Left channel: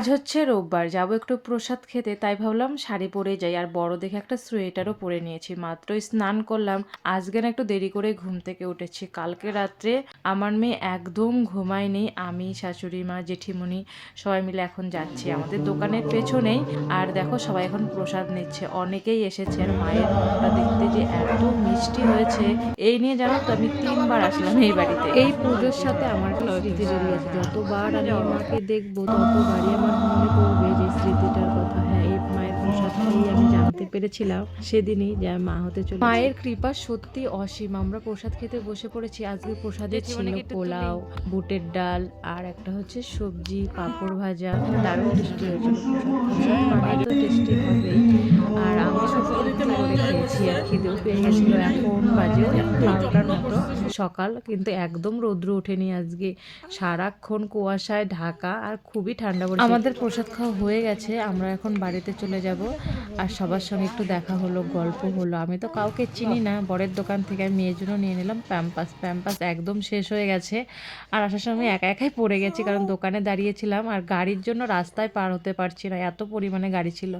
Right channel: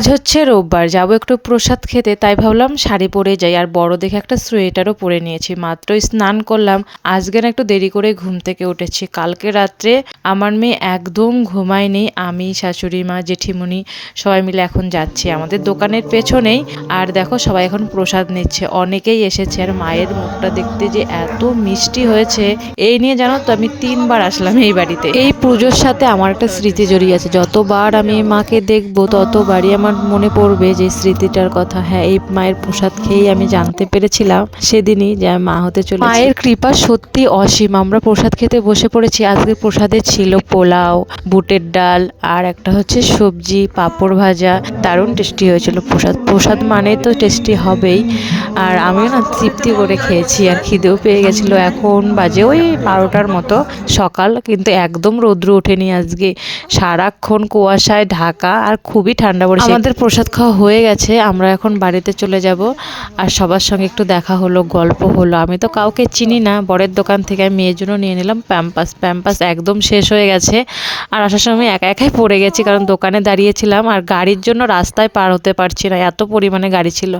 আজ হচ্ছে রোববার, যাব একটু প্রসাদ খেতে, তাই ভাবলাম শাড়ি পরে যাই, আর বড় দেখে একটা সোয়েটারও পরে নিয়েছি মাত্রই স্নান করলাম আজকে না একটু দেরি করে ঘুম থেকে উঠেছি, কালকে রাত্রে আমার মেয়ে একদম ঘুমায়নি, আমি, শাশুড়ি মা জেঠিমুনি সবাই মিলে এখন যাচ্ছি, আমাদের দোকানের পেছনেই, আর দেখো সবাই এখন প্রসাদ নিচ্ছে, অনেকেই এসেছে, আর মায়ের মুখটা দেখতে যে এত মিষ্টি হয়েছে, এই নিয়ে জানো তো আমি তিনবার আসলাম এই বাড়িতে, এই পুজোর সাথে আমার একটা স্মৃতি জড়িয়ে আছে, যতবার আমি মাকে দেখব, ততবারই আমার মনে পড়বে যে স্মৃতিটার কথা। হ্যাঁ এই মায়ের প্রসাদ খেয়েই আমি জানতে পেরেছিলাম সেদিনই যে আমি মা হতে চলে মায়ের কৃপা সত্যি অসীম। আমরা প্রসাদ খেতে বসে পড়েছি। আজকে প্রসাদে ছিল পোলাও, বুটের ডাল আর একটা হচ্ছে সবজি, পাঁপড় ভাজা। দারুণ টেস্টি হয়েছিল প্রসাদ। প্রসাদ মানে তো টেস্টি হবেই। আর আমিও না তৃপ্তি করে খেয়েছি আর খিদেও পেয়ে গেছিল। এখন বাজে ওই বারোটার মতো সকাল, কিন্তু একদম রৌদ্র ওঠেনি আজকে। সারাক্ষণ কুয়াশায় ঢাকা আর খুবই ঠান্ডা পড়েছে। আমাদের প্রসাদ খাওয়া হয়ে গেছে, আমরা এখন বাড়িতে চলে যাব। আর সবার সঙ্গে একটু দেখা হলো, গল্প হলো। আমি তো কাউকে চিনি না, বরের দোকান থেকে আমি মেয়ের জন্য নিয়ে নিলাম প্যাম্পাস। প্যাম্পাস একদম শেষ হয়ে গেছে। আর আসার সময় একা একাই পড়ে গেছি, কারণ দোকানে দাঁড়িয়েছিলাম। আর গাড়ির জন্য রাস্তায় পার হতে পারছি না, এত পরিমাণে গাড়ি ছিল।